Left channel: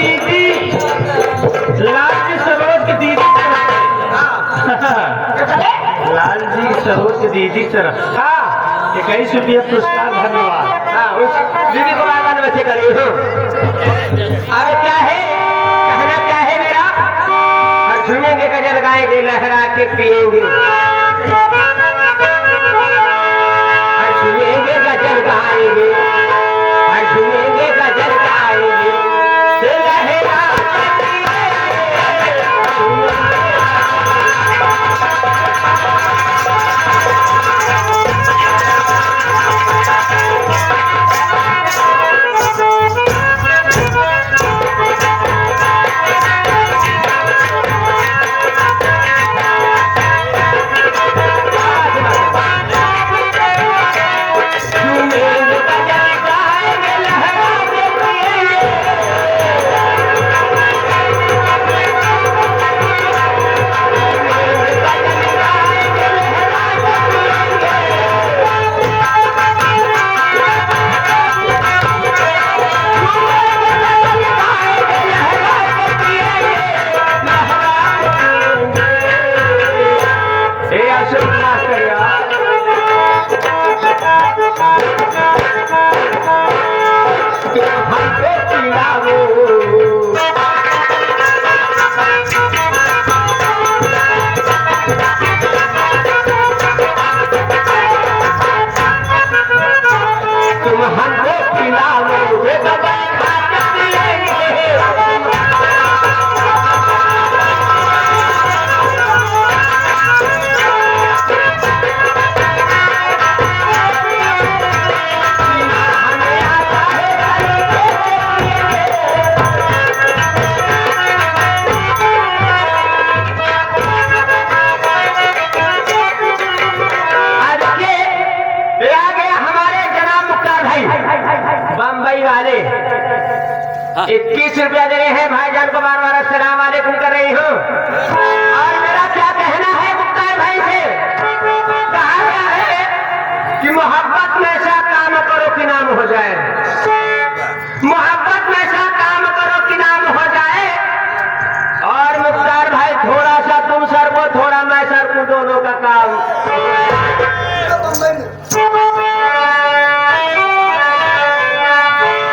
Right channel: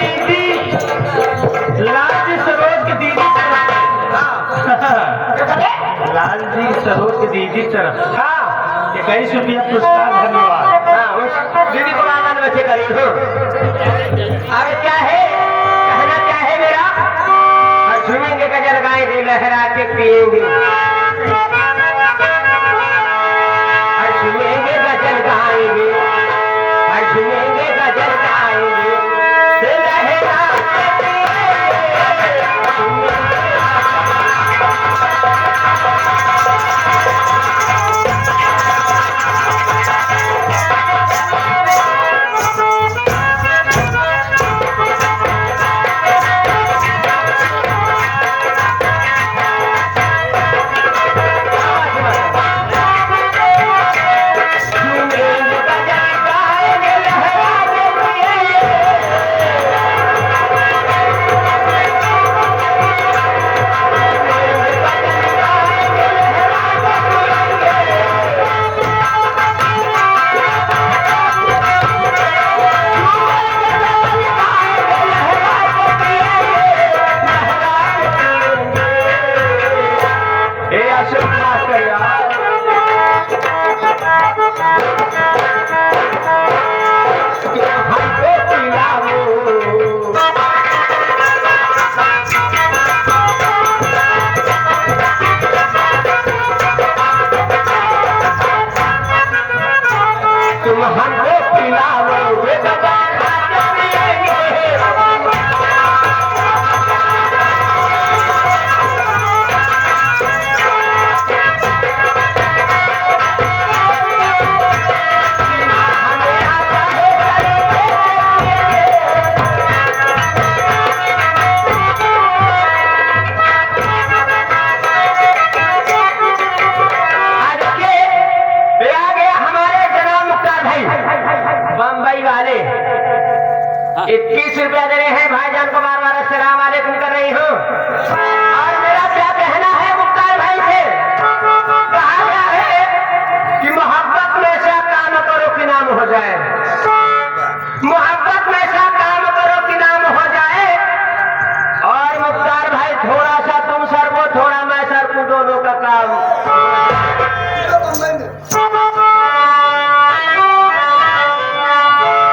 दीदी लाल जी सरोज की दीदी लाल जी सरोज की दीदी तरफ हाँ 21 रुपया पुरस्कार धन्यवाद। हाँ उस दीदी को आनंद बच्चे करिए हो। अब क्या है कहना क्या है मेरा और झूमेंगे गजल गाएंगे लहरा के पिएंगे और झूमेंगे गजल गाएंगे और झूमेंगे गजल गाएंगे लहरा तुम हमको पिलाओगे बम्बई वाले 21 रुपया दे रहे हैं भाईजान को बार बार अस्सलाम वालेकुम कर रही हूँ। और मेरा क्या कहना है मुख्तार भाई से कहा गया है कि मोहब्बत में ऐसा काम करो कि नाम हो जाए मोहब्बत में ऐसा काम करो कि नाम हो जाए। और मुख्तार भाई थोड़ा सा तुम सर को थोड़ा मैं सर को दोनों का काम